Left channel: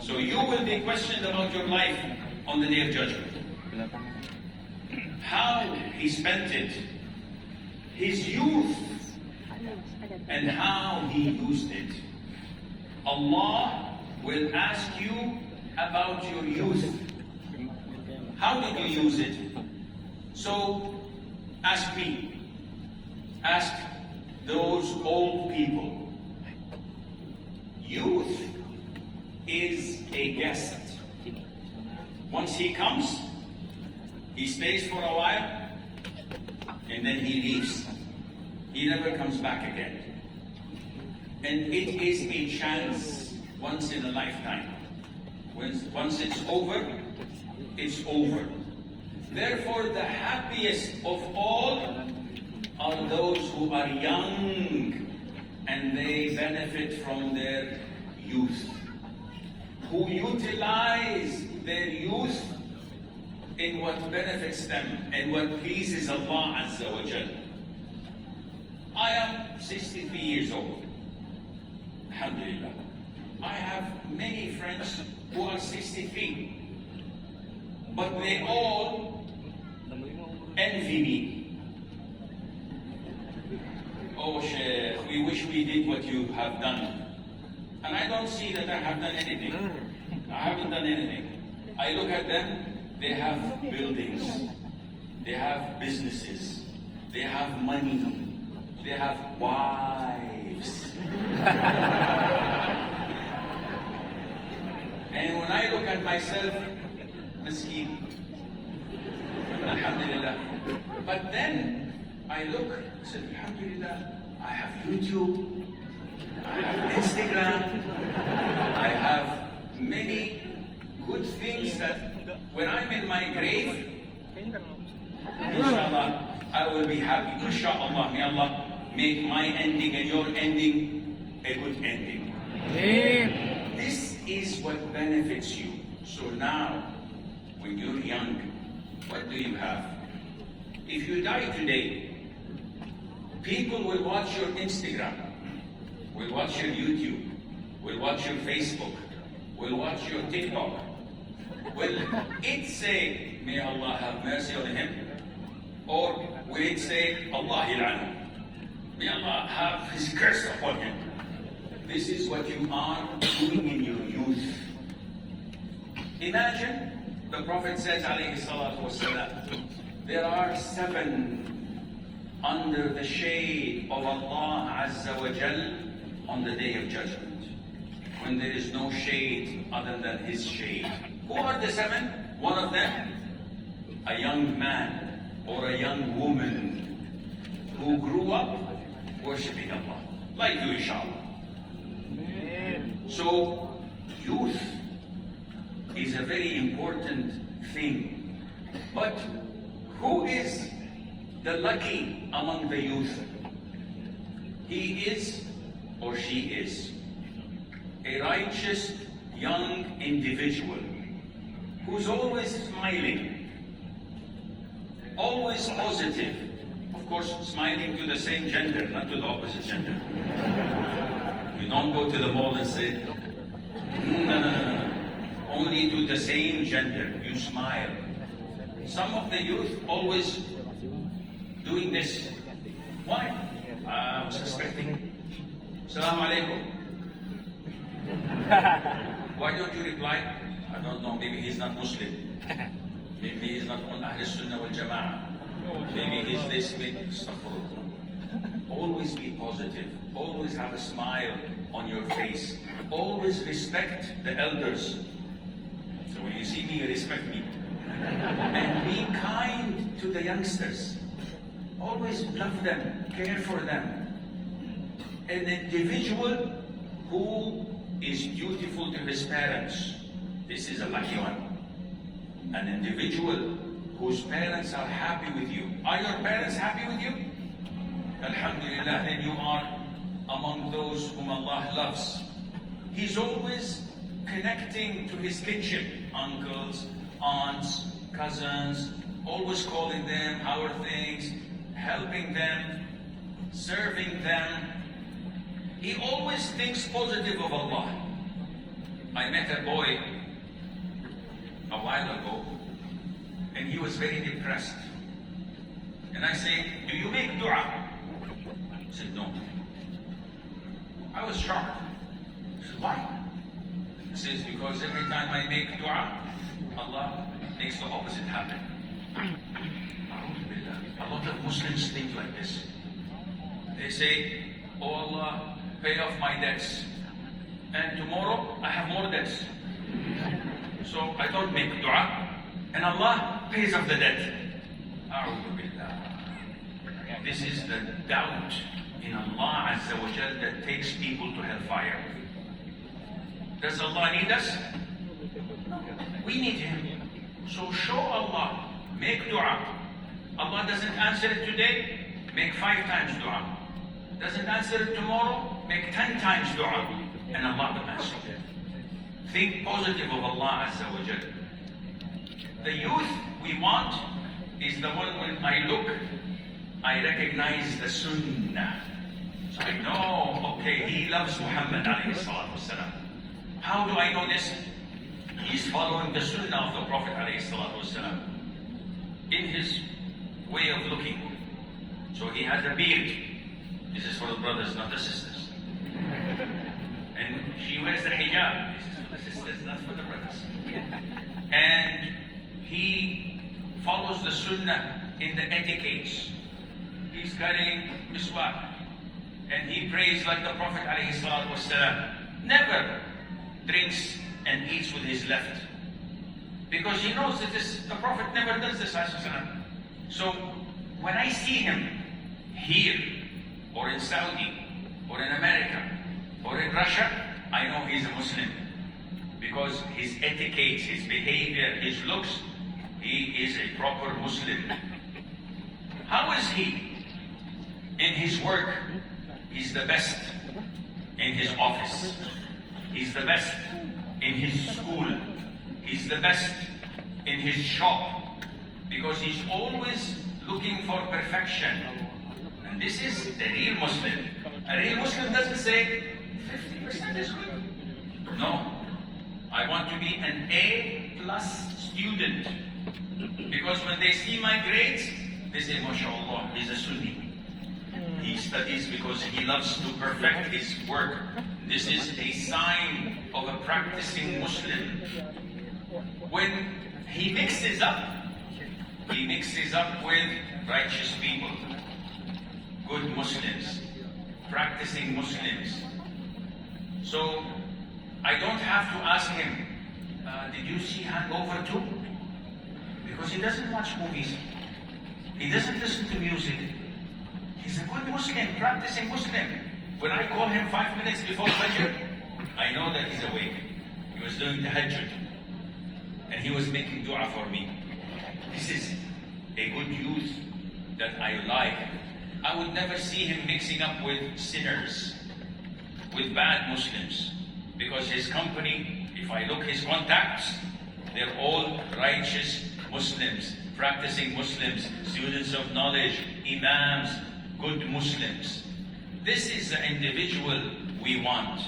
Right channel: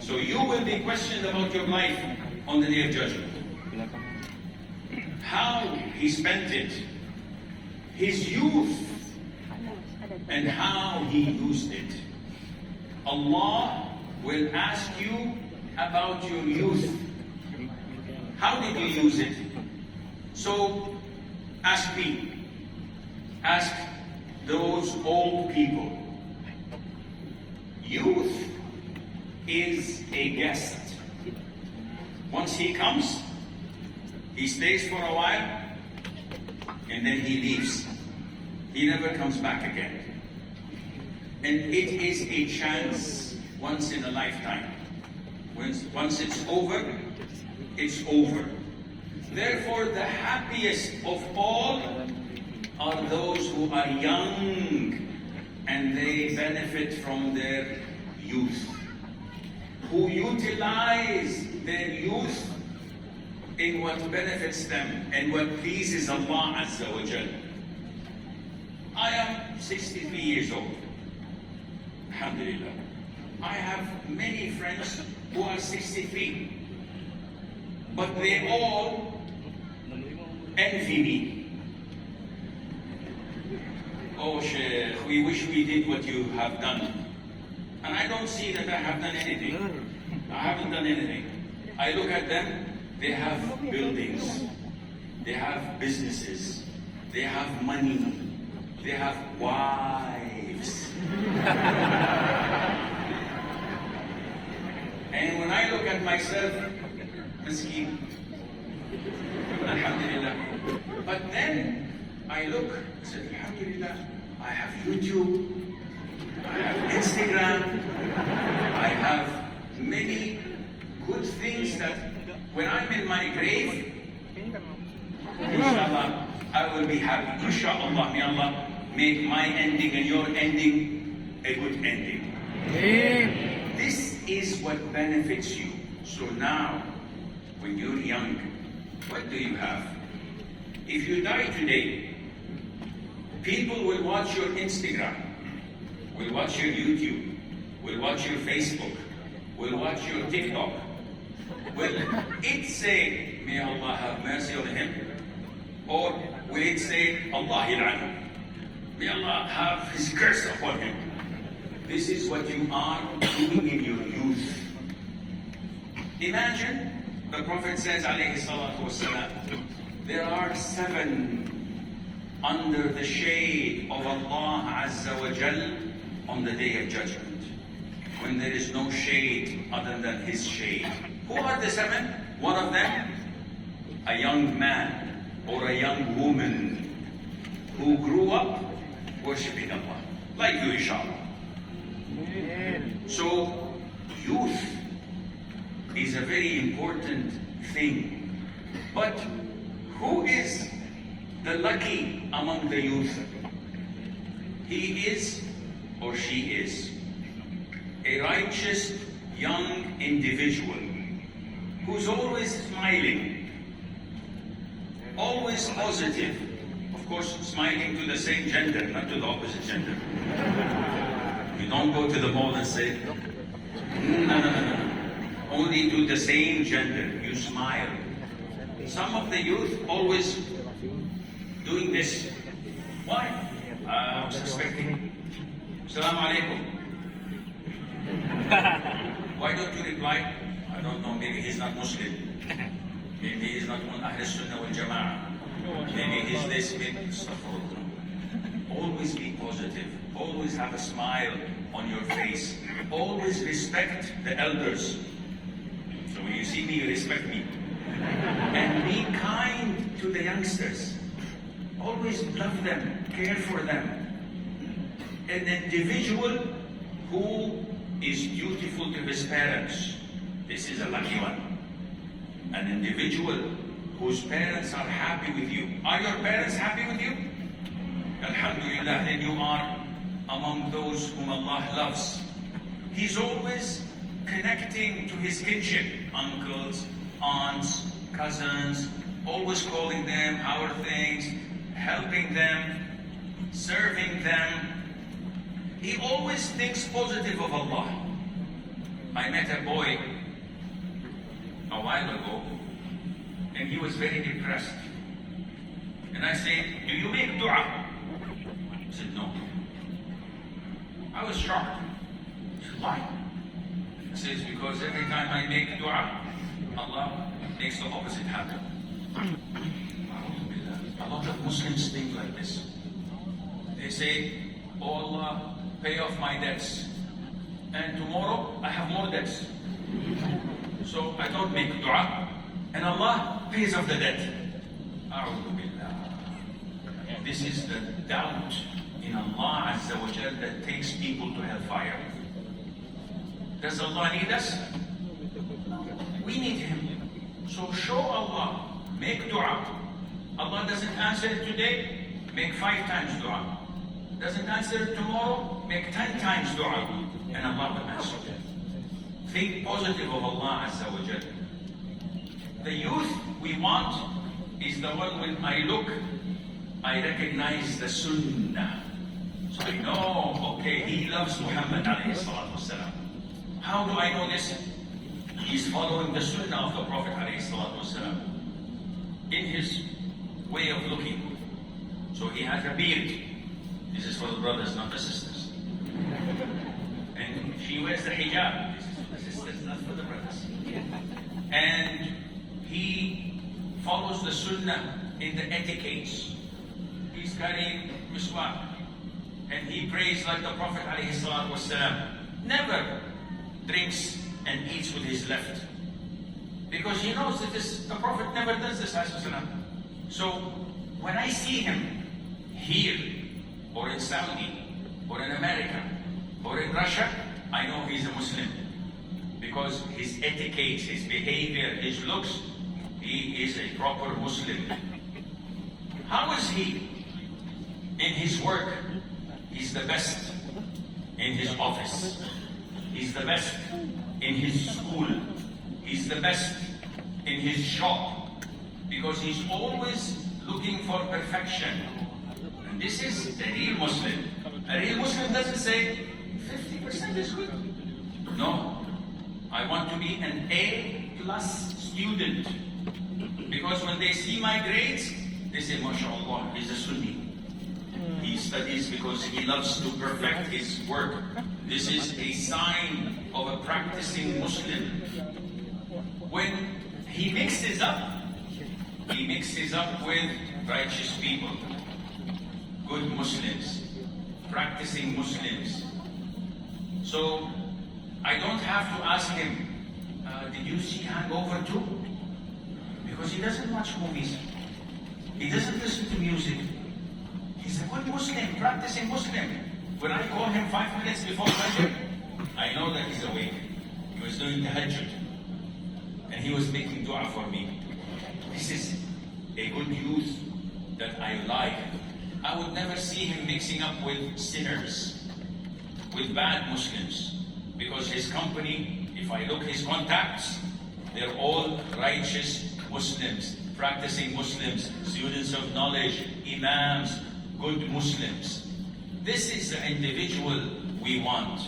So you will be questioned about your life on the Day of Judgment. How he spent it, his youth, and how he used it. Allah will ask you about your youth. How did you use it? So ask me, ask those old people. Youth is a guest. Once he comes, he stays for a while, and then he leaves. He never comes back again. And it is a chance once in a lifetime. Once it's over, it's over. Therefore, the happiest of all are those who are young and they benefit from their youth, who utilize their youth in what benefits them and what pleases Allah Azza wa Jal. I am 63 years old. Alhamdulillah. I have many friends who are 63, but they all envy me. Oh Sheikh, we wish we did what you have done. And I don't see that I have done anything. I haven't done anything. I look at them, they have buildings, they have businesses, they have money, they have wives. And when I look at myself, Maskeen, Alhamdulillah. But then I look, I said, Alhamdulillah, I have YouTube, I have Instagram, I have many good things that when I'm in my grave, inshallah, I will be happy. Inshallah, may Allah make my ending and your ending a good ending. This is what benefits you. So now, when you're young, what do you have? If you die today, people will watch your Instagram, will watch your YouTube, will watch your Facebook, will watch your TikTok. Will it say, may Allah have mercy on him? Or will it say, Allah il'anhu? May Allah have his curse upon him. This is what you are doing in your youth. Imagine, the Prophet says, alayhi salatu wasalam, there are 7 under the shade of Allah Azza wa Jal on the Day of Judgment, when there is no shade other than His shade. Who are the 7? One of them, a young man or a young woman who grew up worshipping Allah, like you, inshallah. So, youth is a very important thing. But who is the lucky among the youth? He is or she is a righteous young individual who's always smiling, always positive. Of course, smiling to the same gender, not to the opposite gender. You don't go to the mall and say, no. Only to the same gender, you smile. Some of the youth always doing this. Why? I was expecting. Assalamu alaikum. Why don't you reply? I don't know, maybe he's not Muslim. Maybe he's not on Ahl Sunnah wal Jama'ah. Maybe he's this, maybe always be positive. Always have a smile on your face. Always respect the elders. So when you see me, you respect me. And be kind to the youngsters. Always love them, care for them. An individual who is dutiful to his parents, this is a lucky one. An individual whose parents are happy with you. Are your parents happy with you? Alhamdulillah, then you are among those whom Allah loves. He's always connecting to his kinship, uncles, aunts, cousins, always calling them, how are things, helping them, serving them. He always thinks positive of Allah. I met a boy a while ago, and he was very depressed. And I said, do you make dua? He said, no. I was shocked. I said, why? He says, because every time I make dua, Allah makes the opposite happen. A lot of Muslims think like this. They say, oh Allah, pay off my debts. And tomorrow I have more debts. So I don't make dua, and Allah pays off the debt. This is the doubt in Allah Azza wa Jal that takes people to hellfire. Does Allah need us? We need Him. So show Allah, make dua. Allah doesn't answer it today, make 5 times dua. Doesn't answer it tomorrow, make 10 times dua, and Allah will answer it. Think positive of Allah Azza wa Jal. The youth we want is the one when I look, I recognize the Sunnah. So I know, okay, he loves Muhammad alayhi salatu wasalam. How do I know this? He's following the Sunnah of the Prophet alayhi salatu wasalam in his way of looking. So he has a beard. This is for the brothers, not the sisters. And she wears the hijab. This is for the sisters, not for the brothers. And he follows the Sunnah in the etiquettes. He's carrying miswak. And he prays like the Prophet ﷺ. Never drinks and eats with his left. Because he knows that the Prophet never does this. So when I see him here, or in Saudi, or in America, or in Russia, I know he's a Muslim. Because his etiquette, his behavior, his looks, he is a proper Muslim. How is he? In his work, he's the best in his office. He's the best in his school. He's the best in his shop. Because he's always looking for perfection. And this is the real Muslim. A real Muslim doesn't say 50% is good. No. I want to be an A+ student. Because when they see my grades, they say, MashaAllah, he's a Sunni. He studies because he loves to perfect his work. This is a sign of a practicing Muslim. When he mixes up with righteous people, good Muslims, practicing Muslims. So I don't have to ask him, did you see Hangover 2? Because he doesn't watch movies. He doesn't listen to music. He's a good Muslim, practicing Muslim. When I call him 5 minutes before Fajr, I know that he's awake. He was doing tahajjud. And he was making dua for me. This is a good youth that I like. I would never see him mixing up with sinners, with bad Muslims. Because his company, if I look his contacts, they're all righteous Muslims, practicing Muslims, students of knowledge, imams, good Muslims. This is the individual we want.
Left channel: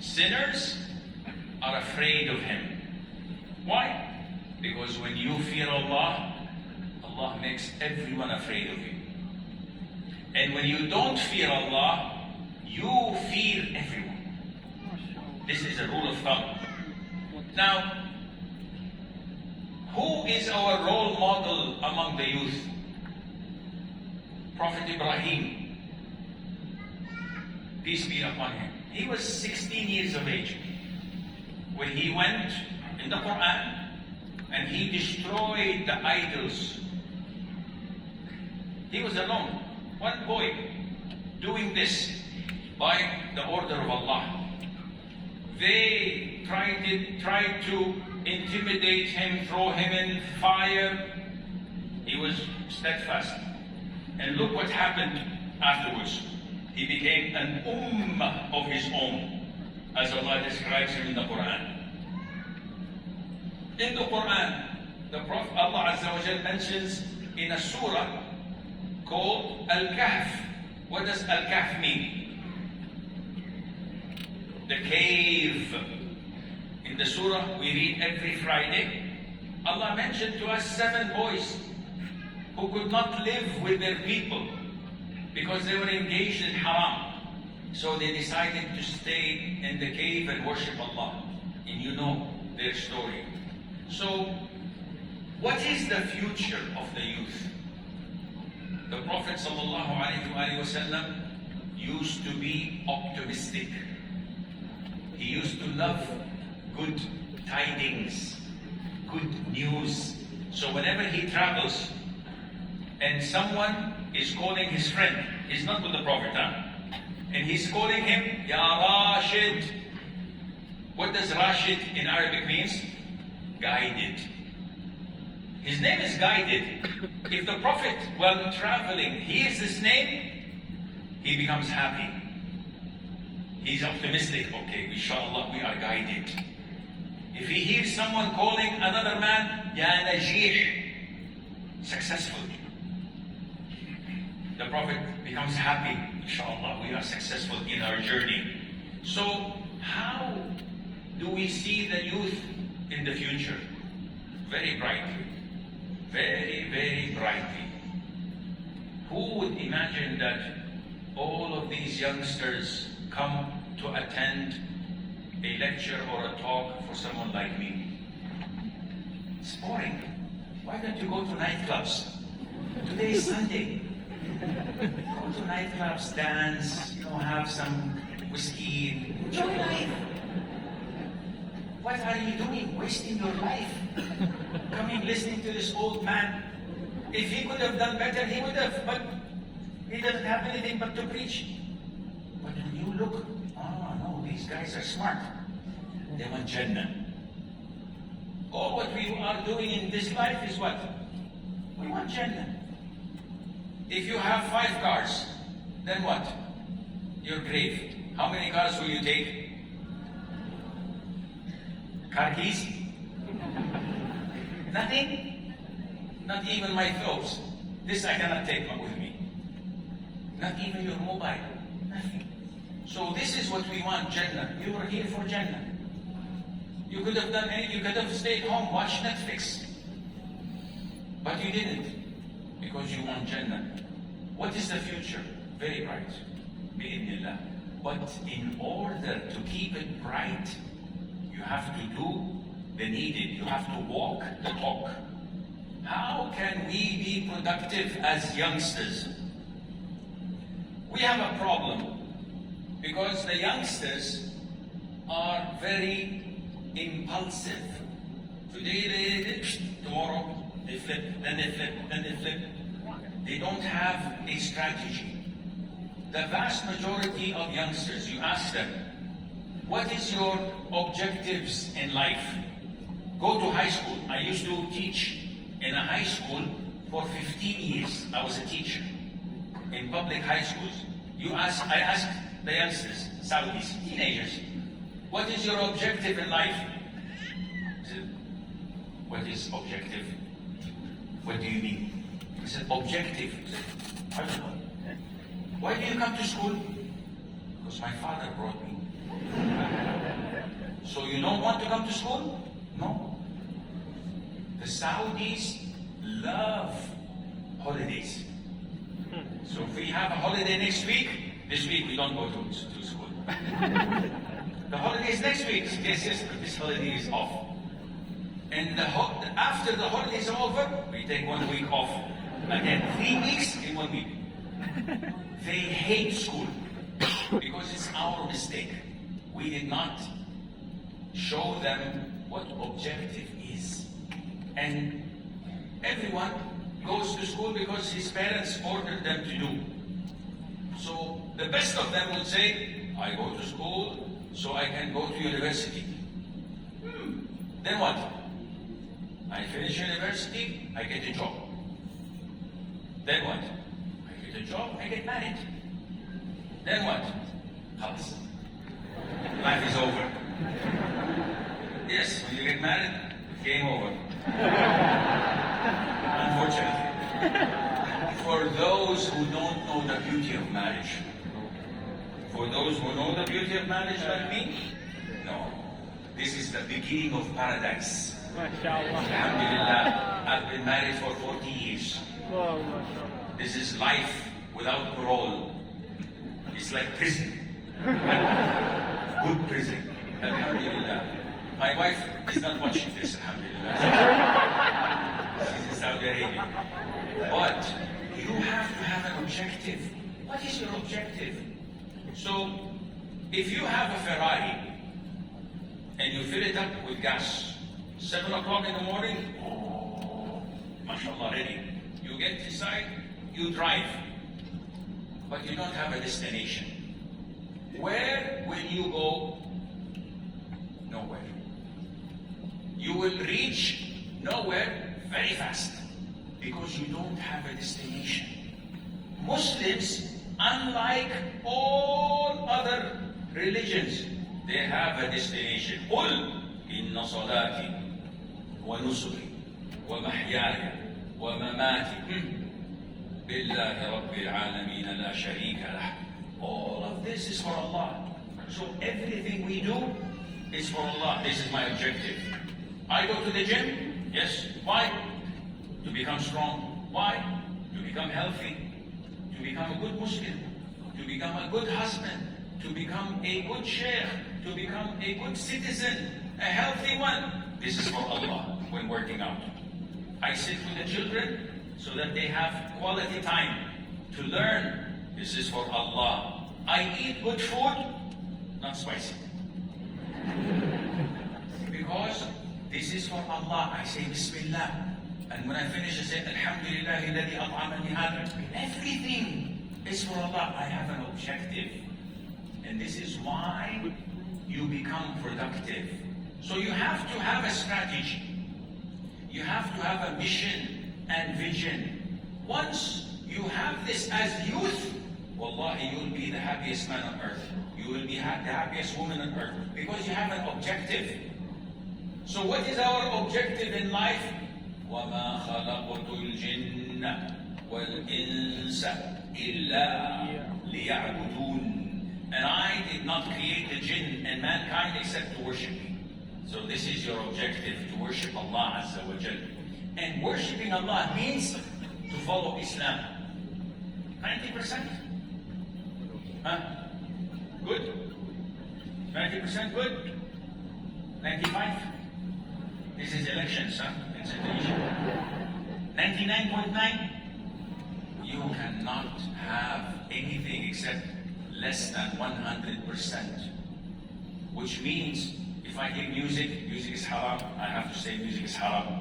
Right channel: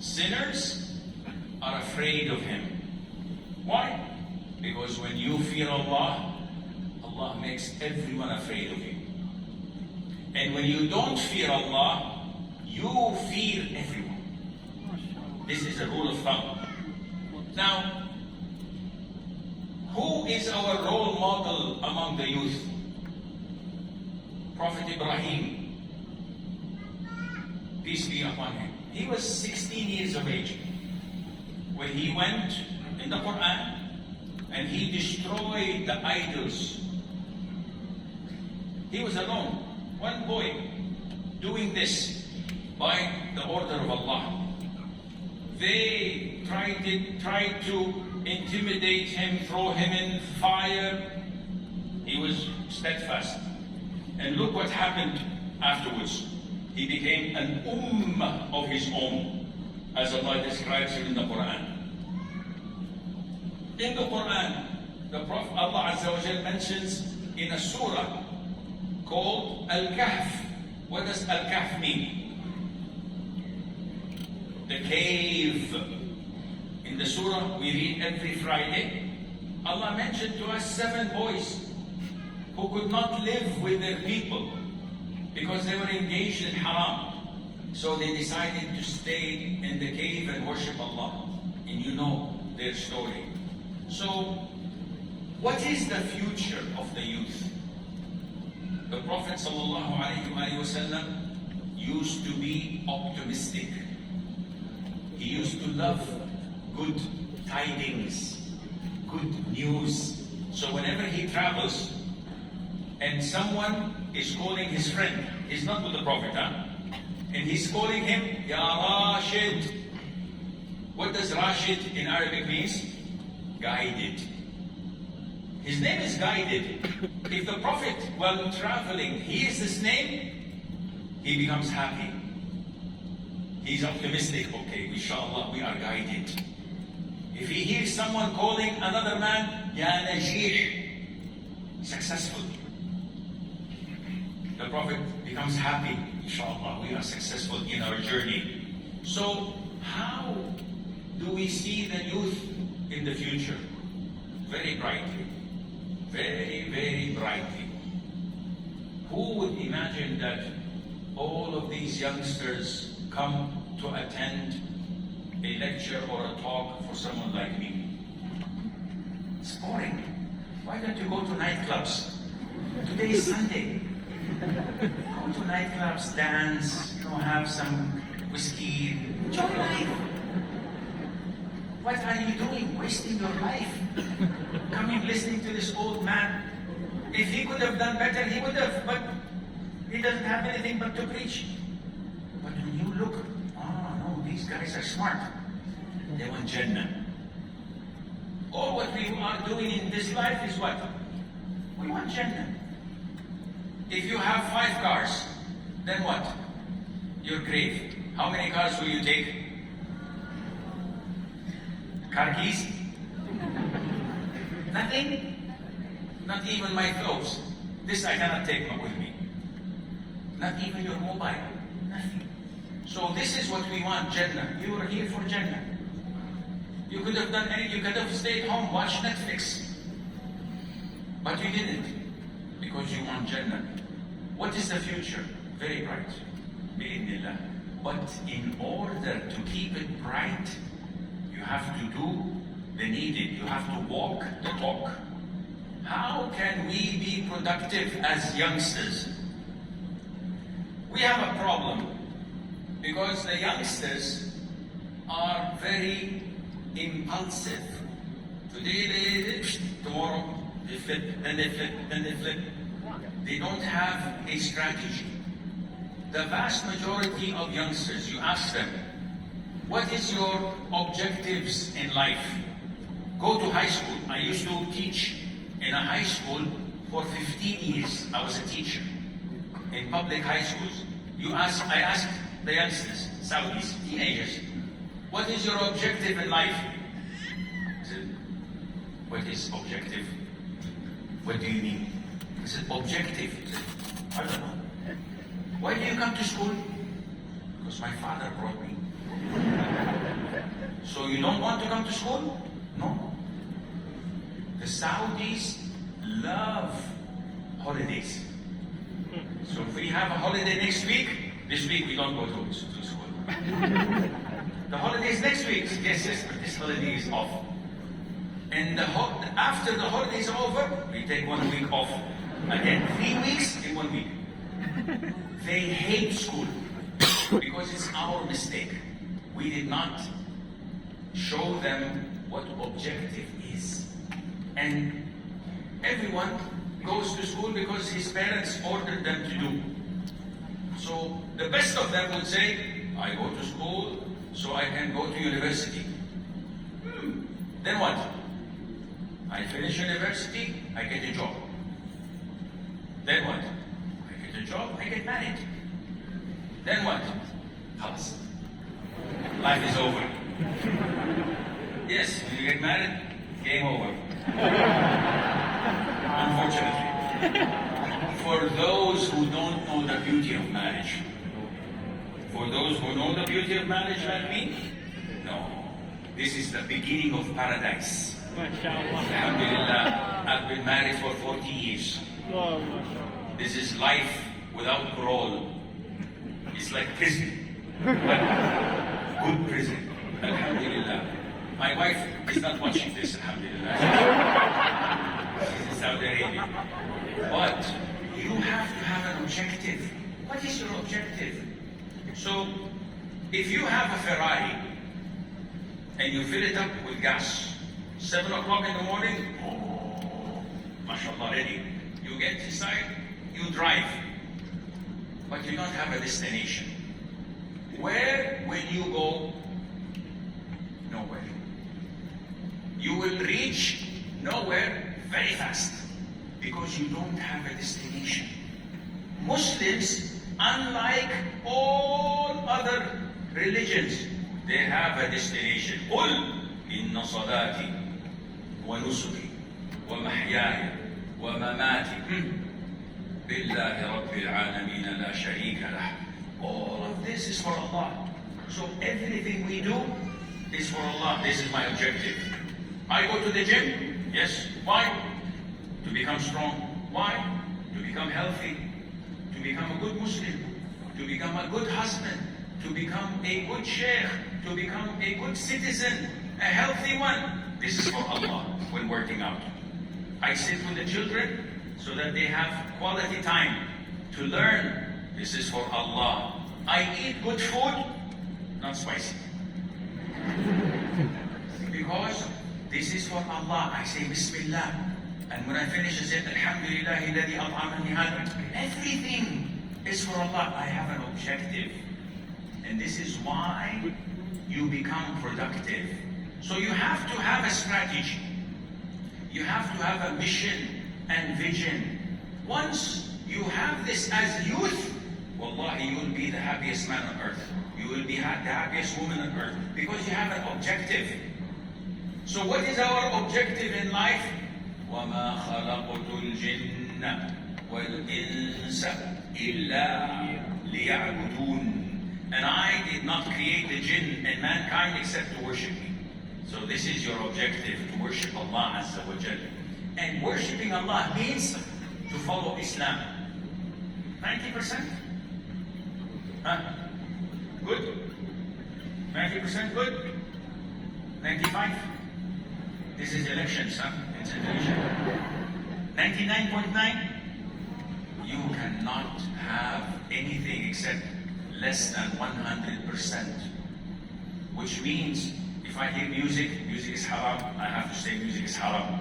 Sinners are afraid of him. Why? Because when you fear Allah, Allah makes everyone afraid of you. And when you don't fear Allah, you fear everyone. This is a rule of thumb. Now, who is our role model among the youth? Prophet Ibrahim, peace be upon him. He was 16 years of age when he went in the Quran and he destroyed the idols. He was alone, one boy, doing this by the order of Allah. They tried to intimidate him, throw him in fire. He was steadfast. And look what happened afterwards. He became an ummah of his own, as Allah describes him in the Quran. In the Quran, the Prophet Allah Azza wa Jal mentions in a surah called Al-Kahf. What does Al-Kahf mean? The cave. In the surah we read every Friday, Allah mentioned to us 7 boys who could not live with their people because they were engaged in haram. So they decided to stay in the cave and worship Allah. And you know their story. So, what is the future of the youth? The Prophet ﷺ used to be optimistic. He used to love good tidings, good news. So whenever he travels and someone is calling his friend, he's not with the Prophet, and he's calling him, Ya Rashid. What does Rashid in Arabic means? Guided. His name is Guided. If the Prophet, while traveling, hears this name, he becomes happy. He's optimistic. Okay, inshallah, we are guided. If he hears someone calling another man, Ya Najih, successful, the Prophet becomes happy. Inshallah, we are successful in our journey. So, how do we see the youth in the future? Very brightly. Very, very brightly. Who would imagine that all of these youngsters come to attend a lecture or a talk for someone like me? It's boring. Why don't you go to nightclubs? Today is Sunday. Go to nightclubs, dance, have some whiskey, enjoy life. What are you doing? Wasting your life. Coming, listening to this old man. If he could have done better, he would have, but he doesn't have anything but to preach. But when you look, no, these guys are smart. They want Jannah. All what we are doing in this life is what? We want Jannah. If you have 5 cars, then what? Your grave. How many cars will you take? Car keys? Nothing? Not even my clothes. This I cannot take with me. Not even your mobile. Nothing. So this is what we want, Jannah. You are here for Jannah. You could have done anything. You could have stayed home, watched Netflix. But you didn't. Because you want Jannah. What is the future? Very bright. Bi'idhnillah. But in order to keep it bright, you have to do the needed. You have to walk the talk. How can we be productive as youngsters? We have a problem because the youngsters are very impulsive. Today tomorrow they flip, then they flip, then they flip. They don't have a strategy. The vast majority of youngsters, you ask them, what is your objectives in life? Go to high school. I used to teach in a high school for 15 years. I was a teacher in public high schools. I asked the youngsters, Saudis, teenagers, what is your objective in life? I said, what is objective? What do you mean? I said, objective. I said, I don't know. Why do you come to school? Because my father brought me. So you don't want to come to school? No. The Saudis love holidays. So if we have a holiday next week, this week we don't go to school. The holiday is next week. Yes, this holiday is off. And after the holiday is over, we take 1 week off. Again, 3 weeks in 1 week. They hate school because it's our mistake. We did not show them what objective is. And everyone goes to school because his parents ordered them to do. So the best of them would say, I go to school so I can go to university. Then what? I finish university, I get a job. Then what? I get a job, I get married. Then what? Khalas. Life is over. Yes, when you get married, game over. Unfortunately. For those who don't know the beauty of marriage, for those who know the beauty of marriage like me, no. This is the beginning of paradise. MashaAllah. Alhamdulillah, I've been married for 40 years. Wow, MashaAllah. This is life without parole. It's like prison. But good prison. Alhamdulillah. My wife is not watching this, alhamdulillah. She's in Saudi Arabia. But you have to have an objective. What is your objective? So, if you have a Ferrari and you fill it up with gas, 7 o'clock in the morning, oh, mashallah, ready. You get inside, you drive, but you don't have a destination. Where will you go? Nowhere. You will reach nowhere very fast because you don't have a destination. Muslims, unlike all other religions, they have a destination. قل إن صلاتي ونسكي ومحياي ومماتي بالله رب العالمين لا شريك له. All of this is for Allah. So everything we do is for Allah. This is my objective. I go to the gym. Yes. Why? To become strong. Why? To become healthy. To become a good Muslim. To become a good husband. To become a good Sheikh. To become a good citizen. A healthy one. This is for Allah when working out. I sit with the children so that they have quality time to learn. This is for Allah. I eat good food, not spicy. Because this is for Allah. I say Bismillah. And when I finish, I say Alhamdulillah alladhi at'amani hada. Everything is for Allah. I have an objective. And this is why you become productive. So you have to have a strategy. You have to have a mission and vision. Once you have this as youth, wallahi, you will be the happiest man on earth. You will be the happiest woman on earth. Because you have an objective. So what is our objective in life? وَمَا خَلَقْتُ الْجِنَّ وَالْإِنسَ إِلَّا لِيَعْبُدُونَ. And I did not create the jinn and mankind except to worship me. So this is your objective, to worship Allah Azza wa Jal. And worshipping Allah means to follow Islam. 90%? Huh? Good? 90% good? 95? This is elections, huh? It's Indonesia. 99.9? You cannot have anything except less than 100%. Which means, if I hear music, music is haram, I have to say music is haram.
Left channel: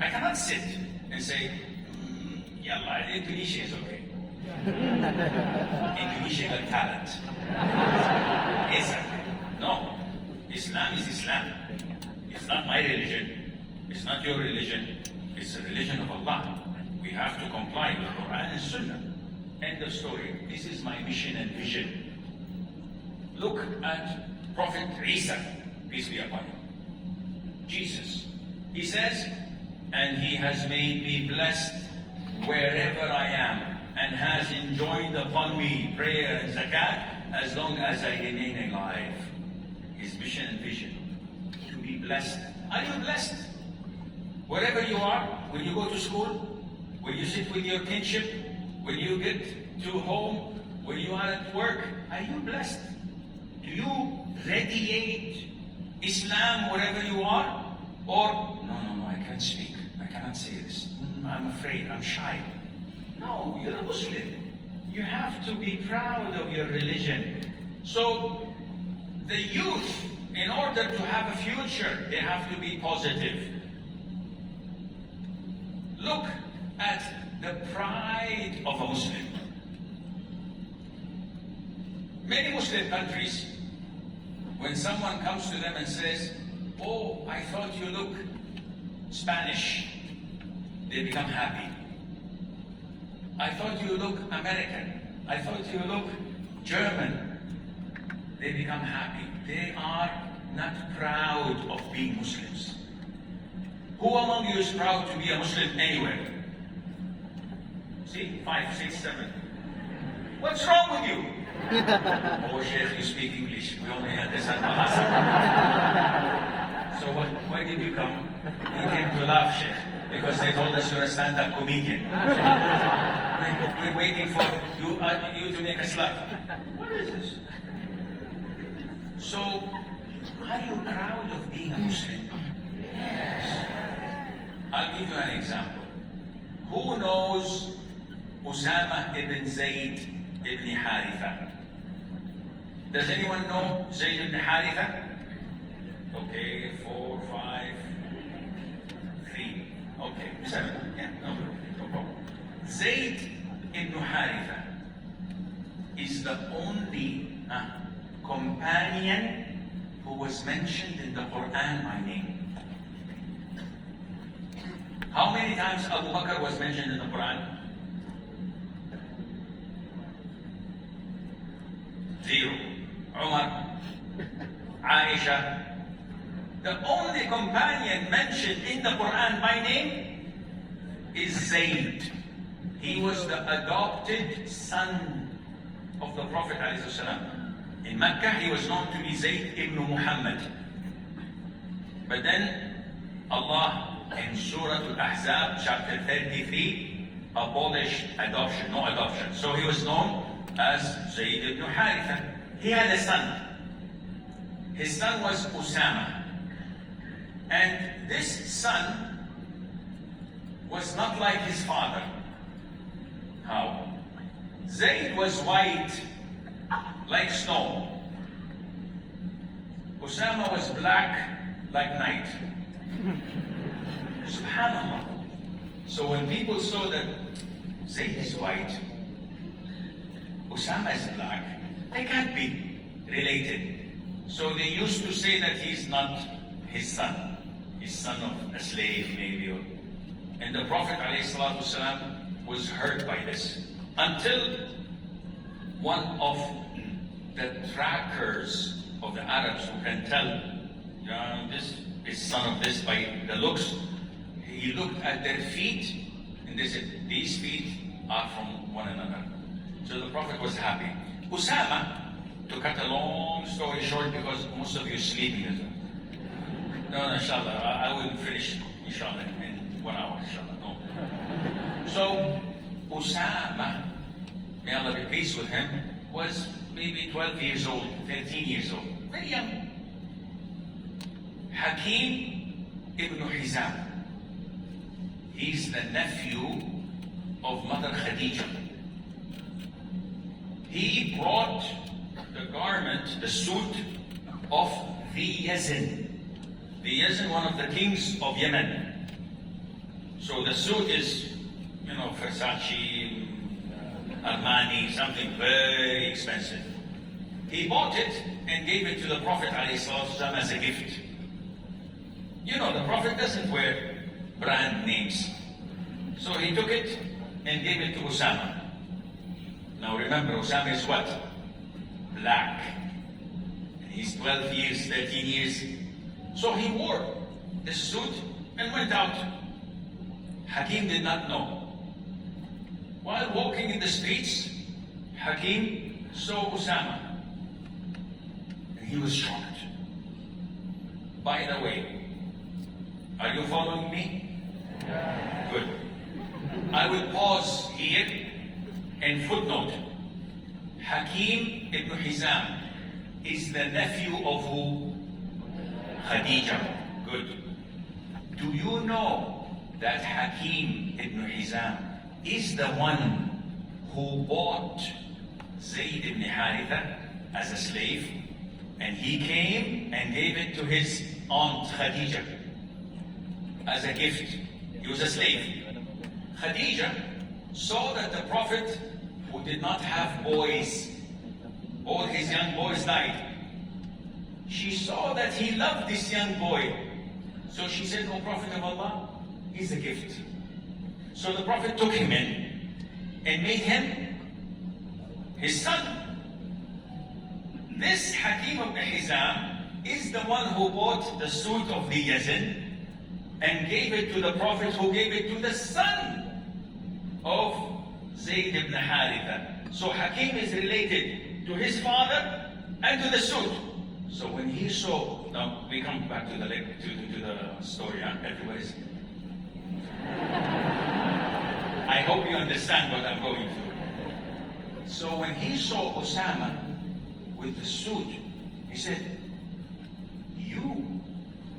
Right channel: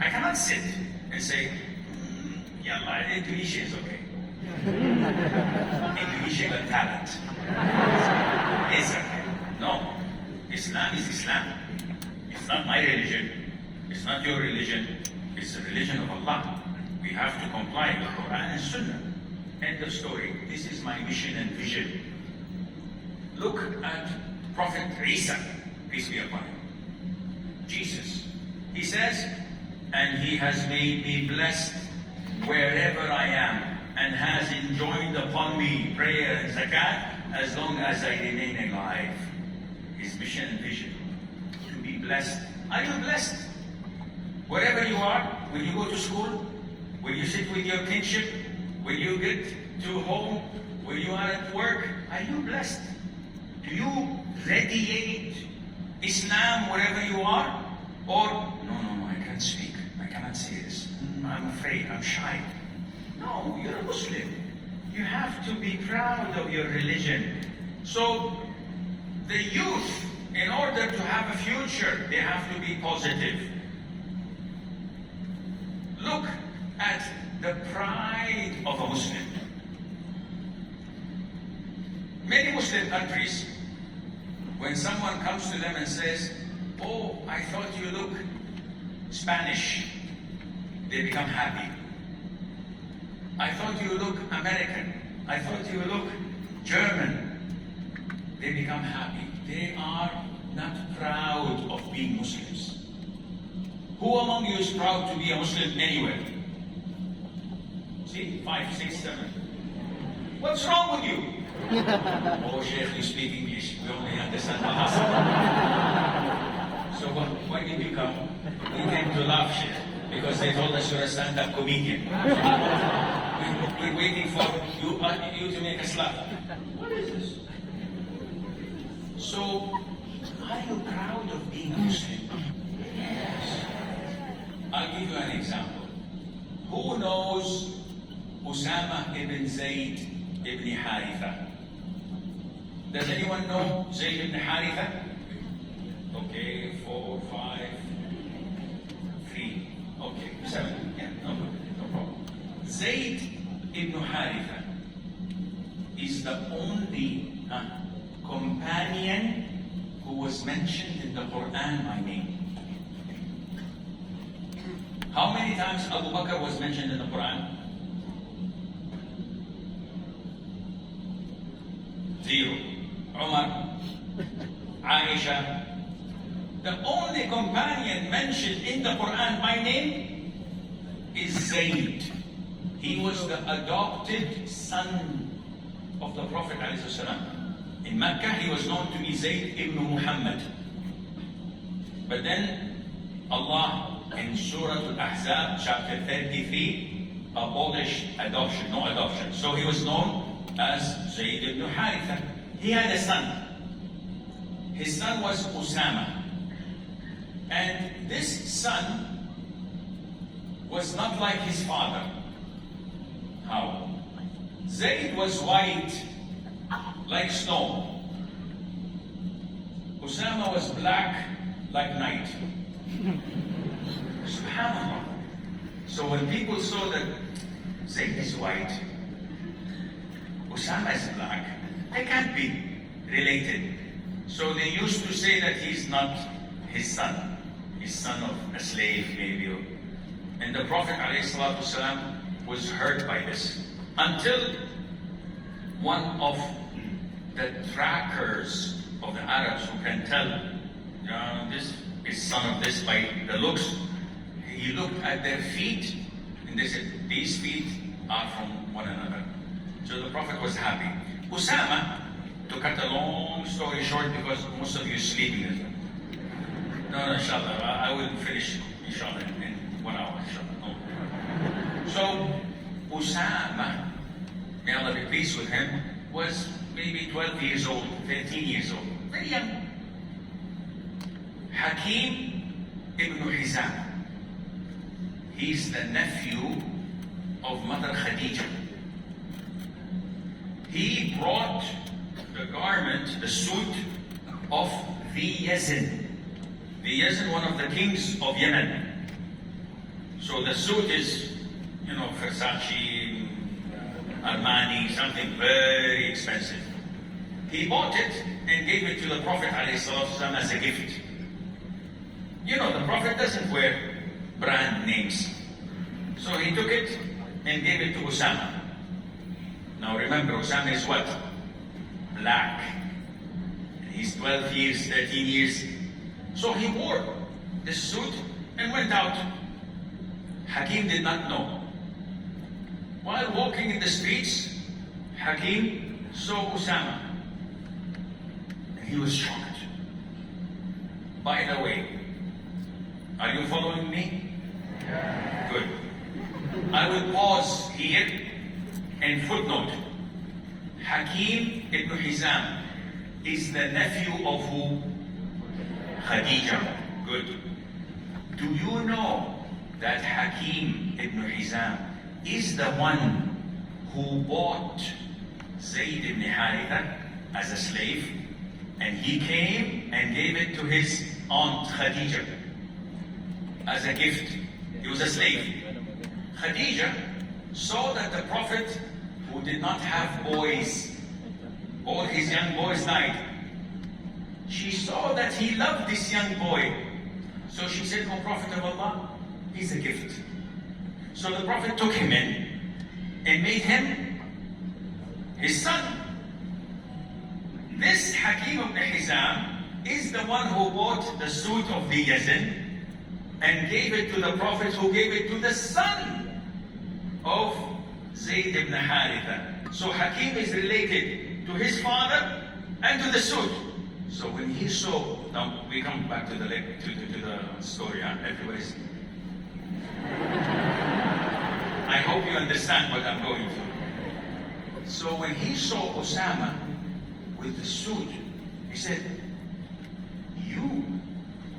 I cannot sit and say, Yalla, Indonesia is okay. Indonesia got talent. It's okay. No. Islam is Islam. It's not my religion. It's not your religion. It's the religion of Allah. We have to comply with Quran and Sunnah. End of story. This is my mission and vision. Look at Prophet Isa, peace be upon him. Jesus. He says, and he has made me blessed wherever I am, and has enjoined upon me prayer and zakat as long as I remain alive. His mission and vision. To be blessed. Are you blessed? Wherever you are, when you go to school, when you sit with your kinship, when you get to home, when you are at work, are you blessed? Do you radiate Islam wherever you are? Or, no, I can't speak. I cannot say this. I'm afraid, I'm shy. No, you're a Muslim. You have to be proud of your religion. So, the youth, in order to have a future, they have to be positive. Look at the pride of a Muslim. Many Muslim countries, when someone comes to them and says, oh, I thought you look Spanish, they become happy. I thought you look American. I thought you look German. They become happy. They are not proud of being Muslims. Who among you is proud to be a Muslim anywhere? See, 5, 6, 7. What's wrong with you? Oh, Sheikh, you speak English. We only understand Bahasa. did you come? We came to laugh, Sheikh, because they told us you're a stand-up comedian. We're waiting for you to make us laugh. What is this? So, are you proud of being a Muslim? Yes. I'll give you an example. Who knows Usama ibn Zayd ibn Haritha? Does anyone know Zayd ibn Haritha? Okay, 4, 5, 3. Okay, 7. Yeah, no problem. Zayd ibn Haritha is the only companion who was mentioned in the Quran by name. How many times Abu Bakr was mentioned in the Quran? 0. Umar, Aisha. The only companion mentioned in the Quran by name is Zayd. He was the adopted son of the Prophet ﷺ. In Mecca, he was known to be Zayd ibn Muhammad. But then Allah in Surah Al-Ahzab, chapter 33, abolished adoption, no adoption. So he was known as Zayd ibn Haritha. He had a son. His son was Usama. And this son was not like his father. How? Zayd was white, like snow. Usama was black, like night. SubhanAllah. So when people saw that Zayd is white, Usama is black, they can't be related. So they used to say that he's not his son. He's son of a slave, maybe. And the Prophet ﷺ was hurt by this. Until one of the trackers of the Arabs who can tell, this is son of this by the looks, he looked at their feet and they said, these feet are from one another. So the Prophet was happy. Usama, to cut a long story short because most of you are sleeping. No, inshallah, I will finish, inshallah, in 1 hour, inshallah. No. So, Usama, may Allah be pleased with him, was maybe 12 years old, 13 years old, very young. Hakeem ibn Hizam, he's the nephew of Mother Khadija. He brought the garment, the suit of the Yazid. The Yazid, one of the kings of Yemen. So the suit is, Versace, Armani, something very expensive. He bought it and gave it to the Prophet ﷺ as a gift. The Prophet doesn't wear brand names. So he took it and gave it to Usama. Now remember, Usama is what? Black. He's 12 years, 13 years. So he wore this suit and went out. Hakeem did not know. While walking in the streets, Hakeem saw Usama. And he was shocked. By the way, are you following me? Good. I will pause here and footnote. Hakeem ibn Hizam is the nephew of who? Khadija. Good. Do you know that Hakeem ibn Hizam is the one who bought Zayd ibn Haritha as a slave, and he came and gave it to his aunt Khadija as a gift. He was a slave. Khadija saw that the Prophet, who did not have boys, all his young boys died. She saw that he loved this young boy. So she said, "O Prophet of Allah, he's a gift." So the Prophet took him in and made him his son. This Hakeem ibn Hizam is the one who bought the suit of the Yazid and gave it to the Prophet, who gave it to the son of Zayd ibn Haritha. So Hakeem is related to his father and to the suit. So when he saw, now we come back to the story, huh? Everybody's. I hope you understand what I'm going through. So when he saw Osama with the suit, he said, "You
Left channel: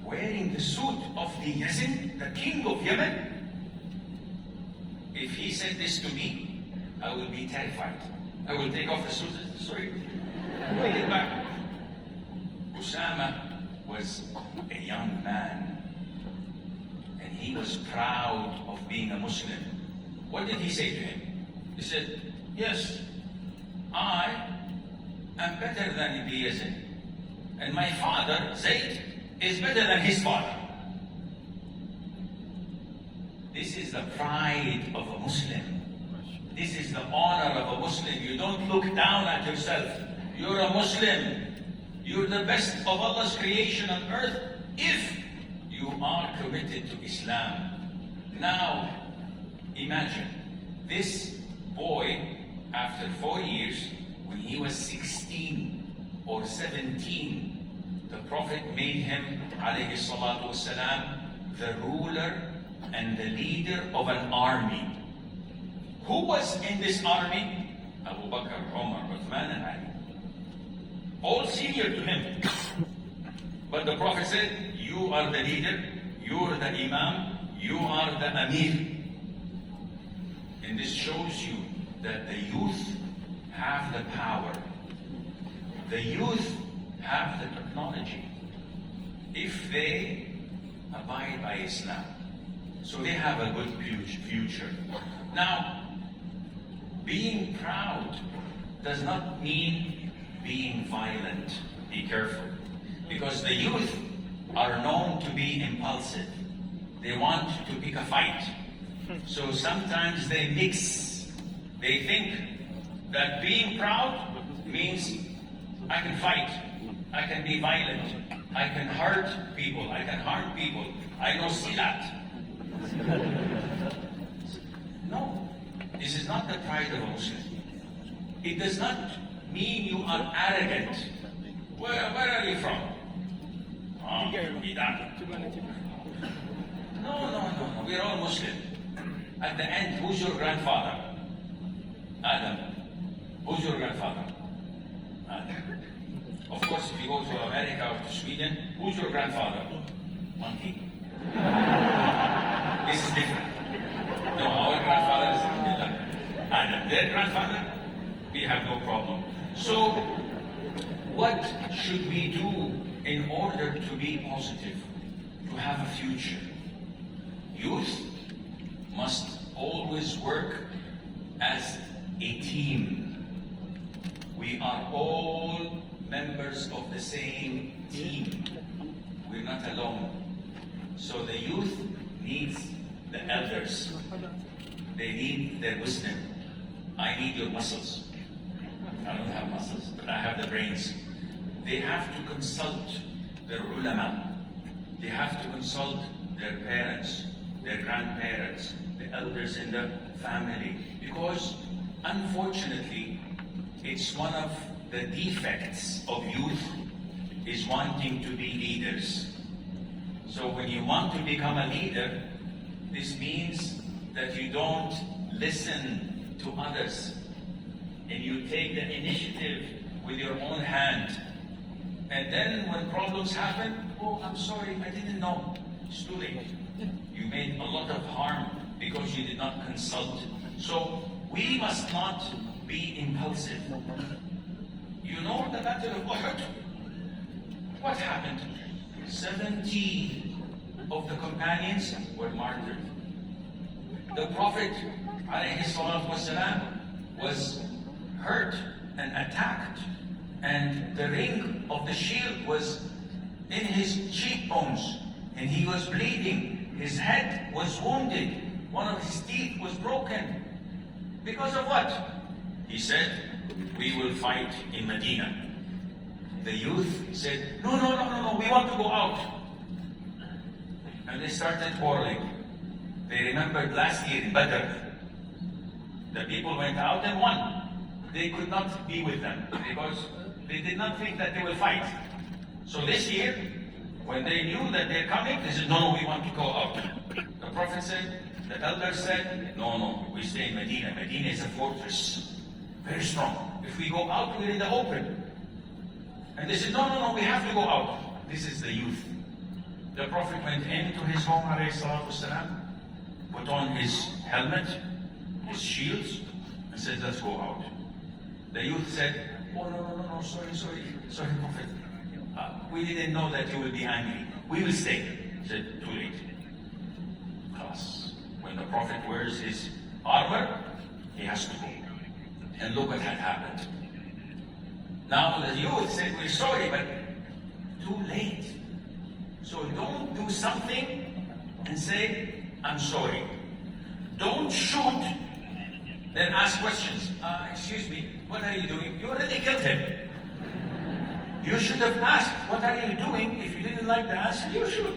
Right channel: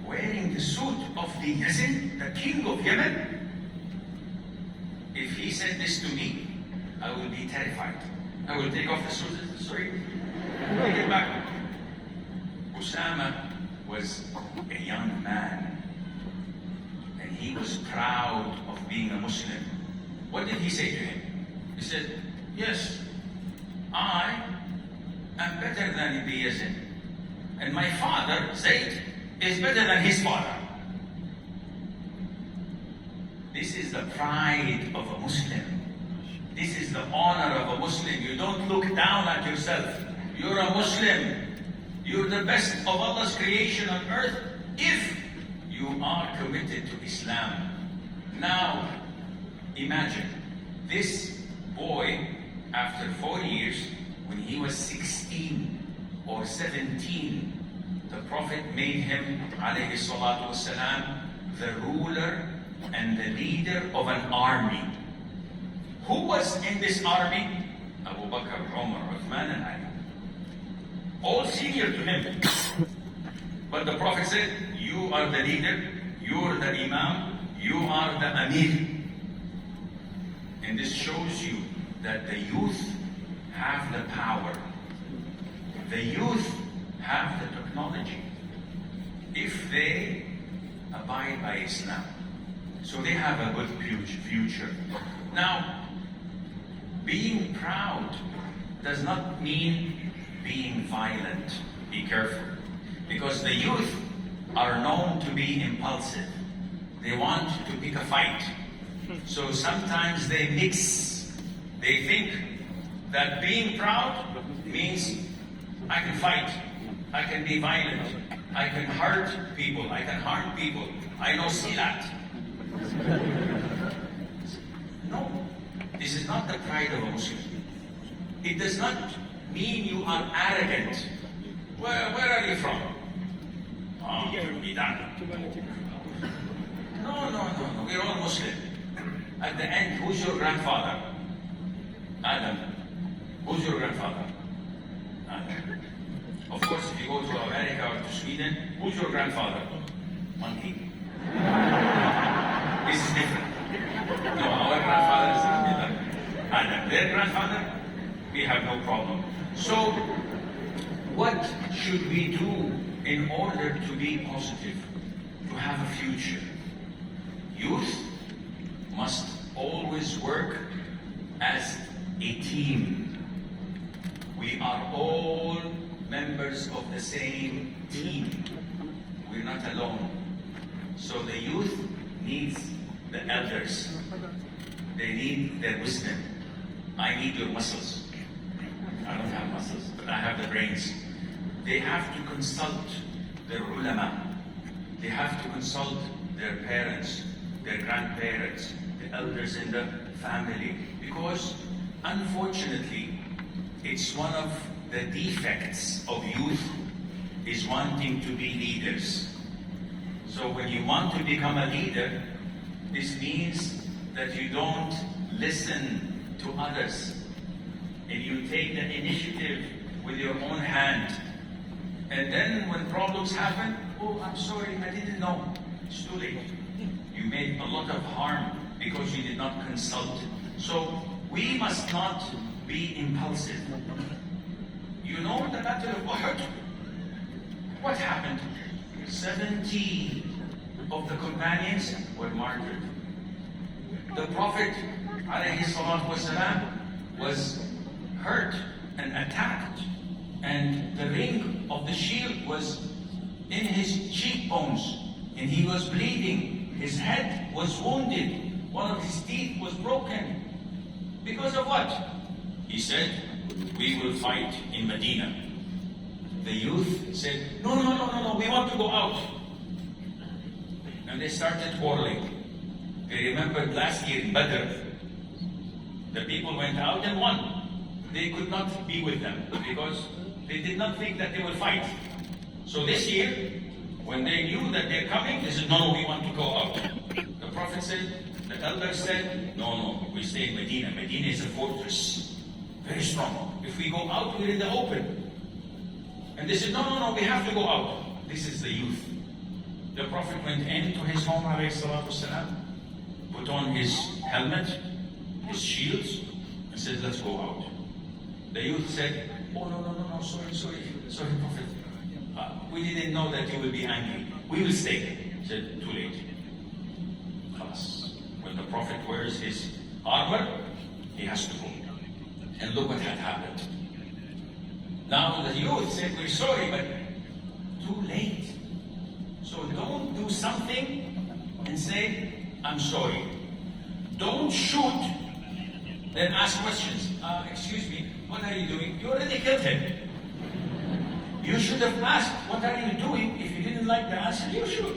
wearing the suit of the Yazid, the king of Yemen?" If he said this to me, I will be terrified. I will take off the suit and say, "Sorry, bring it back." Osama was a young man, and he was proud of being a Muslim. What did he say to him? He said, "Yes, I am better than the Yazid, and my father, Zayd, is better than his father." This is the pride of a Muslim. This is the honor of a Muslim. You don't look down at yourself. You're a Muslim. You're the best of Allah's creation on earth if you are committed to Islam. Now, imagine this boy, after 4 years, when he was 16 or 17, the Prophet made him, alayhi salatu wasalam, the ruler and the leader of an army. Who was in this army? Abu Bakr, Umar, Uthman, and Ali. All senior to him. But the Prophet said, "You are the leader, you are the Imam, you are the Amir." And this shows you that the youth have the power. The youth have the technology. If they abide by Islam. So they have a good future. Now, being proud does not mean being violent. Be careful. Because the youth are known to be impulsive. They want to pick a fight. So sometimes they mix. They think that being proud means I can fight, I can be violent, I can hurt people, I can harm people, I know silat. No, this is not the pride of a Muslim. It does not mean you are arrogant. Where are you from? From Iran. No. We're all Muslim. At the end, who's your grandfather? Adam. Who's your grandfather? Adam. Of course, if you go to America or to Sweden, who's your grandfather? Monkey. This is different. No, our grandfather is Adam. Their grandfather, we have no problem. So, what should we do in order to be positive, to have a future? Youth must always work as a team. We are all members of the same team. We're not alone. So the youth needs the elders. They need their wisdom. I need your muscles. I don't have muscles, but I have the brains. They have to consult their ulama. They have to consult their parents, their grandparents, the elders in the family. Because, unfortunately, it's one of the defects of youth is wanting to be leaders. So when you want to become a leader, this means that you don't listen to others and you take the initiative with your own hand. And then when problems happen, "Oh, I'm sorry, I didn't know." It's too late. You made a lot of harm because you did not consult. So we must not be impulsive. You know the Battle of Uhud? What happened? 70 of the companions were martyred. The Prophet ﷺ was hurt and attacked, and the ring of the shield was in his cheekbones, and he was bleeding. His head was wounded. One of his teeth was broken. Because of what? He said, "We will fight in Medina." The youth said, No, we want to go out. And they started quarreling. They remembered last year in Badr, the people went out and won. They could not be with them because they did not think that they will fight. So this year, when they knew that they're coming, they said, said, no, we want to go out. The Prophet said, the elders said, no, we stay in Medina. Medina is a fortress, very strong. If we go out, we're in the open. And they said, no, we have to go out. This is the youth. The Prophet went into his home, والسلام, put on his helmet, his shields, and said, let's go out. The youth said, oh, no, sorry, Prophet. We didn't know that you will be angry. We will stay. He said, too late. Khalas. When the Prophet wears his armor, he has to go. And look what had happened. Now the youth said, we're sorry, but too late. So don't do something and say, I'm sorry. Don't shoot, then ask questions. Excuse me, what are you doing? You already killed him. You should have asked, what are you doing? If you didn't like the answer, you should.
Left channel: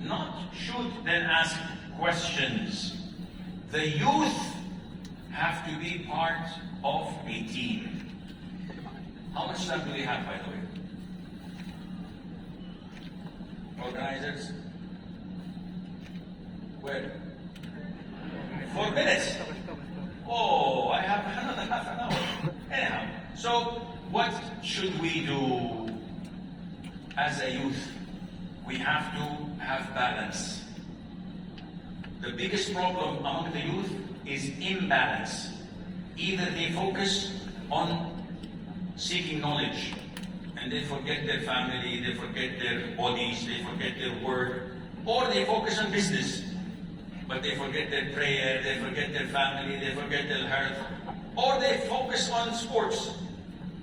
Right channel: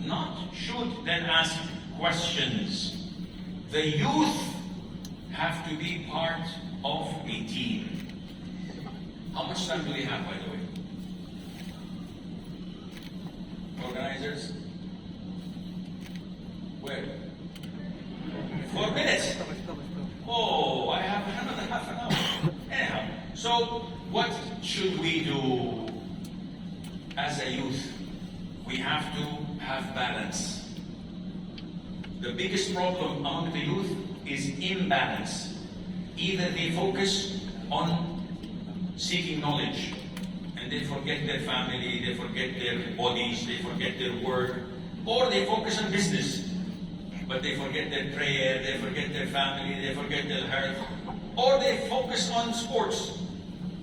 Not shoot, then ask questions. The youth have to be part of a team. How much time do we have, by the way? Organizers? Where? 4 minutes? Oh, I have another half an hour. Anyhow, so what should we do as a youth? We have to have balance. The biggest problem among the youth is imbalance. Either they focus on seeking knowledge, and they forget their family, they forget their bodies, they forget their work, or they focus on business, but they forget their prayer, they forget their family, they forget their health, or they focus on sports,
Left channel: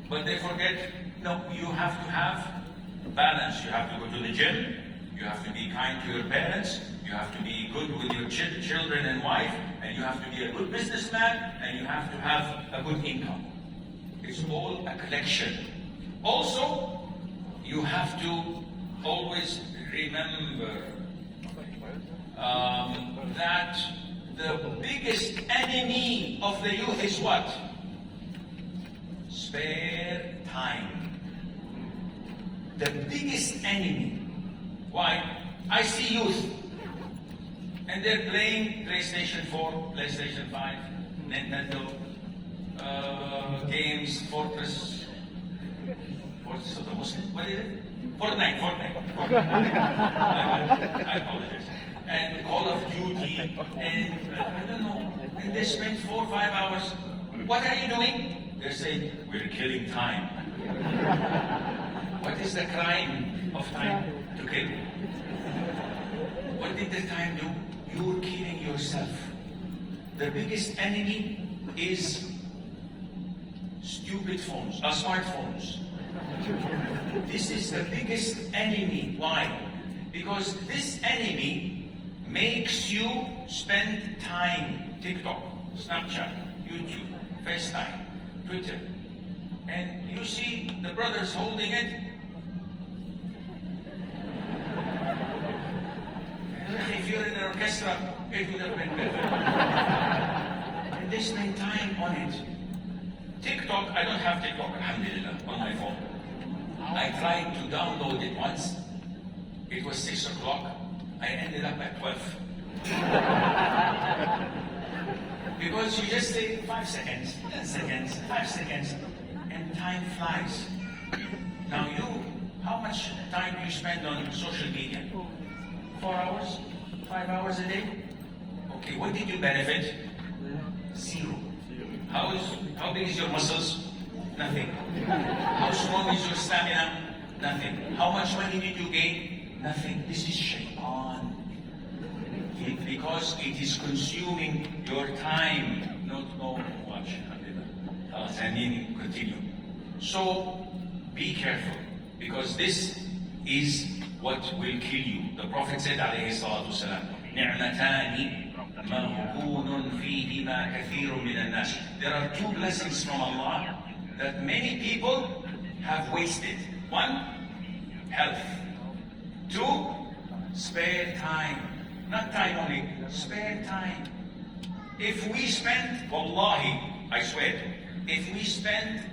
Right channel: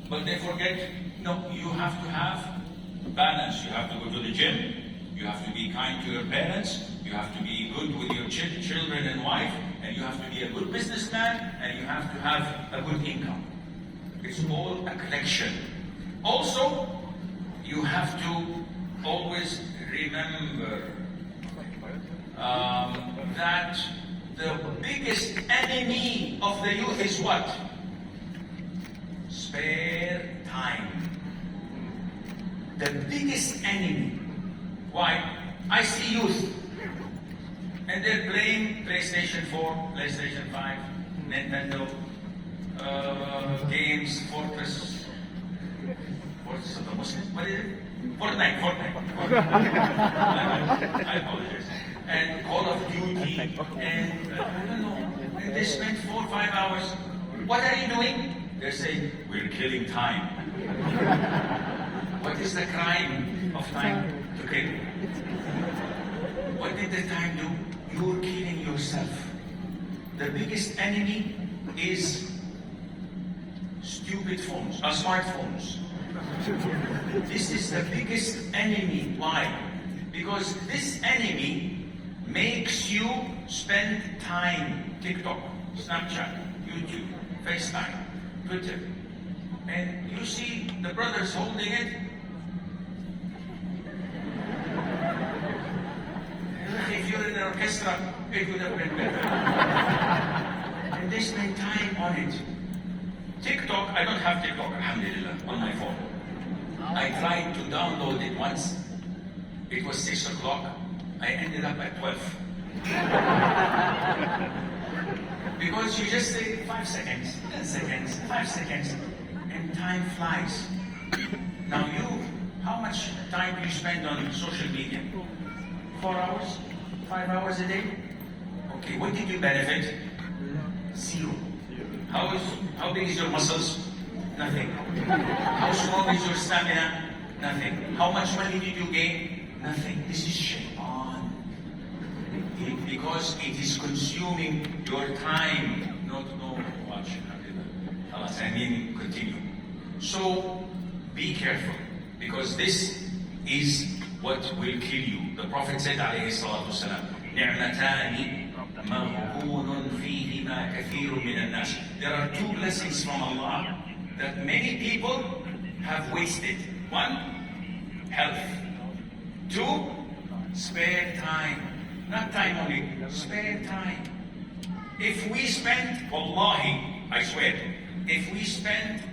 but they forget, no, you have to have balance. You have to go to the gym, you have to be kind to your parents, you have to be good with your children and wife, and you have to be a good businessman, and you have to have a good income. It's all a collection. Also, you have to always remember that the biggest enemy of the youth is what? Spare time. The biggest enemy. Why? I see youth and they're playing PlayStation 4, PlayStation 5, Nintendo, games, Fortress of the Muslim, what is it? Fortnite. I apologize. And Call of Duty, and I don't know, and they spend 4 or 5 hours. What are you doing? They say, we're killing time. What is the crime of time? To kill. What did the time do? You're killing yourself. The biggest enemy is stupid phones, smartphones. This is the biggest enemy. Why? Because this enemy makes you spend time. TikTok, Snapchat, YouTube, FaceTime, Twitter. And you see the brothers holding it. If you're in an orchestra, it would have been better. And they spend time on it. TikTok, I don't have TikTok, alhamdulillah, on my phone. I tried to download it once. It was 6 o'clock. I ended up at 12. Because you just say 5 seconds, 10 seconds, 5 seconds, and time flies. Now how much time do you spend on social media? 4 hours? 5 hours a day? Okay, what did you benefit? Zero. How big is your muscles? Nothing. How strong is your stamina? Nothing. How much money did you gain? Nothing. This is shaitan. Because it is consuming your time. No, watch. I mean, continue. So, be careful. Because this is what will kill you. The Prophet said, alayhi salatu wasalam, نِعْمَتَانِ مَغْبُونٌ فِيهِمَا كَثِيرٌ مِنَ النَّاسِ. There are 2 blessings from Allah that many people have wasted. 1, health. 2, spare time. Not time only, spare time. If we spend, wallahi, I swear, if we spend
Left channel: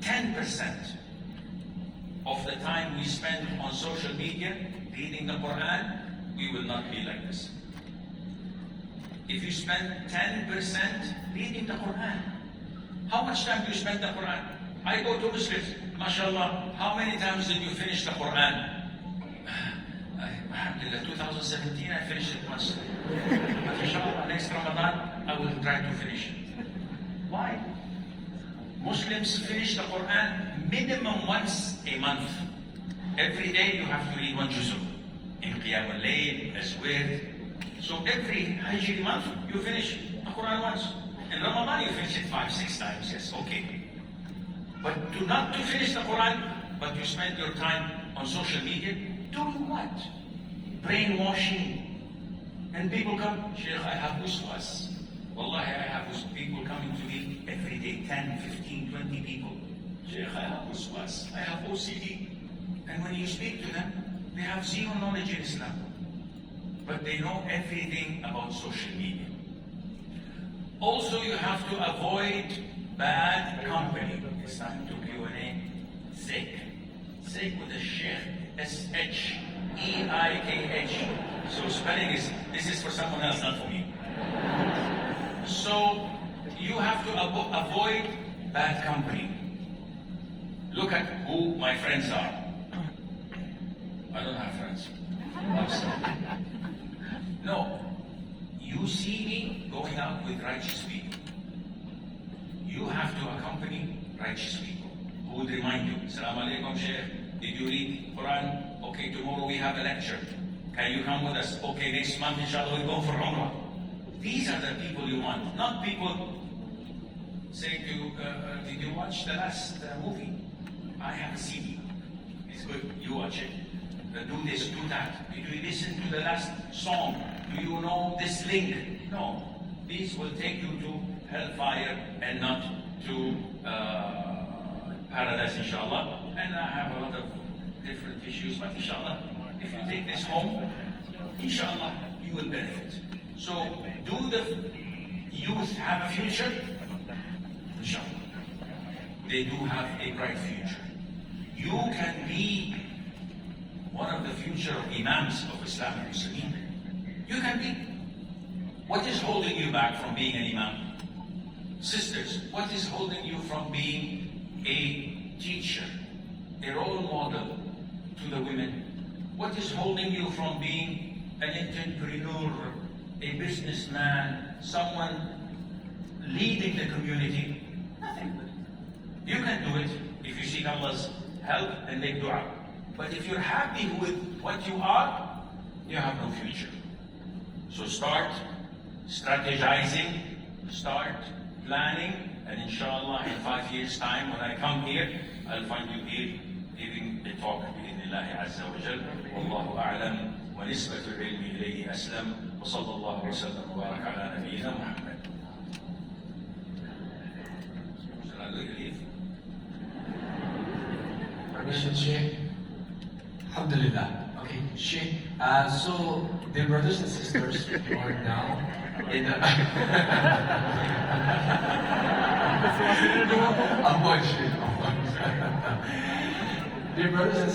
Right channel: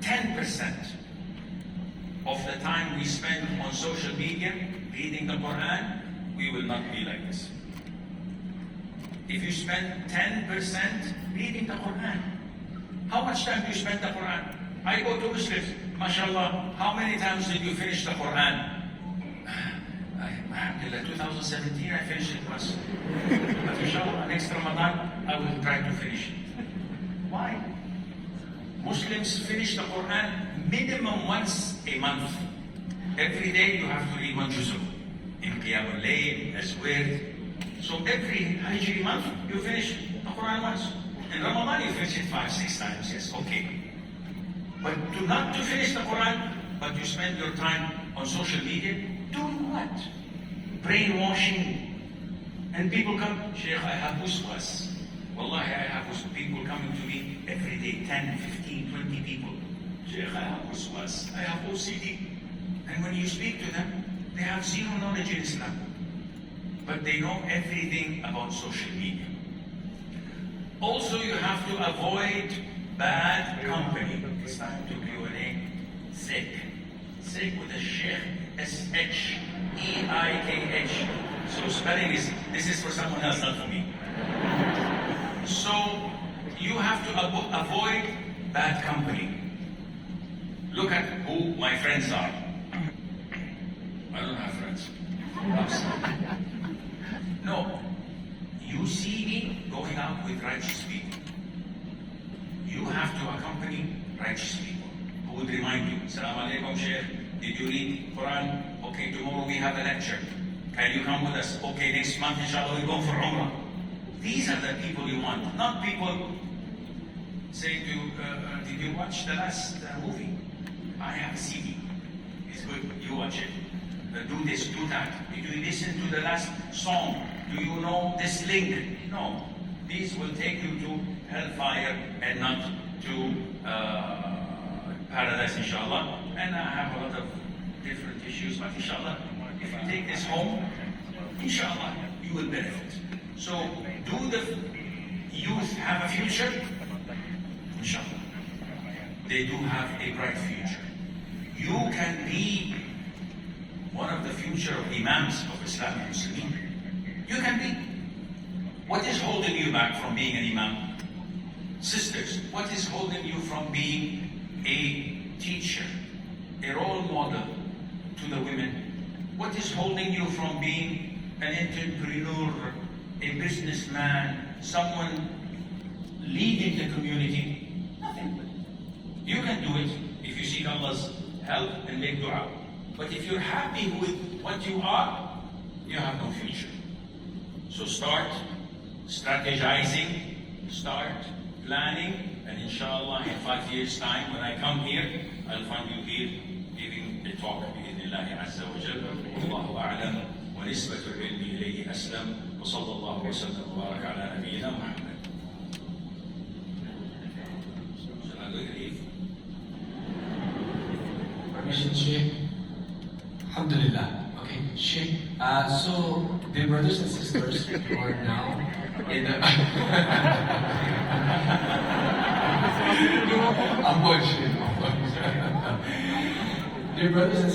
10% of the time we spend on social media, reading the Quran, we will not be like this. If you spend 10% reading the Quran, how much time do you spend the Quran? I go to Muslims, mashallah, how many times did you finish the Quran? Alhamdulillah, 2017 I finished it once. But inshallah, next Ramadan I will try to finish it. Why? Muslims finish the Quran minimum once a month. Every day you have to read one juz'u. In Qiyam al-Layl, as well. So every Hijri month you finish the Quran once. In Ramadan you finish it 5-6 times. Yes, okay. But not to finish the Quran, but you spend your time on social media doing what? Brainwashing. And people come, Sheikh, I have uswas. Wallahi, I have people coming to me every day, 10, 15, 20 people. Sheikh, I have uswas. I have OCD. And when you speak to them, they have zero knowledge in Islam. But they know everything about social media. Also, you have to avoid bad company. It's time to Q&A. Sheikh. Sheikh with a Sheikh. S-H-E-I-K-H. So spelling is, this is for someone else, not for me. So, you have to avoid bad company. Look at who my friends are. I don't have friends. No. You see me going out with righteous people. You have to accompany righteous people who would remind you, Assalamu alaikum, Sheikh. Did you read Quran? Okay, tomorrow we have a lecture. Can you come with us? Okay, next month, inshallah, we're going for Umrah. These are the people you want, not people saying to you, did you watch the last movie? I have a CD. It's good. You watch it. Do this, do that. Did you listen to the last song? Do you know this link? No. These will take you to hellfire and not to paradise, inshallah. And I have a lot of different issues, but inshallah, if you take this home, inshallah, you will benefit. So, do the youth have a future? Inshallah. They do have a bright future. You can be one of the future imams of Islamic Muslimin. You can be. What is holding you back from being an imam? Sisters, what is holding you from being a teacher, a role model to the women? What is holding you from being an entrepreneur, a businessman, someone leading the community? Nothing. You can do it if you seek Allah's help and make dua. But if you're happy with what you are, you have no future. So start strategizing, start planning, and inshallah in 5 years' time when I come here, I'll find you here giving a talk بإذن الله عز وجل. والله أعلم ونسبة العلم إليه أسلم وصلى الله وسلم وبارك على نبينا محمد. Shall I leave? Permission, Sheikh. Alhamdulillah. Okay, Sheikh. So, dear brothers and sisters, you are now in a... Dear brothers and sisters,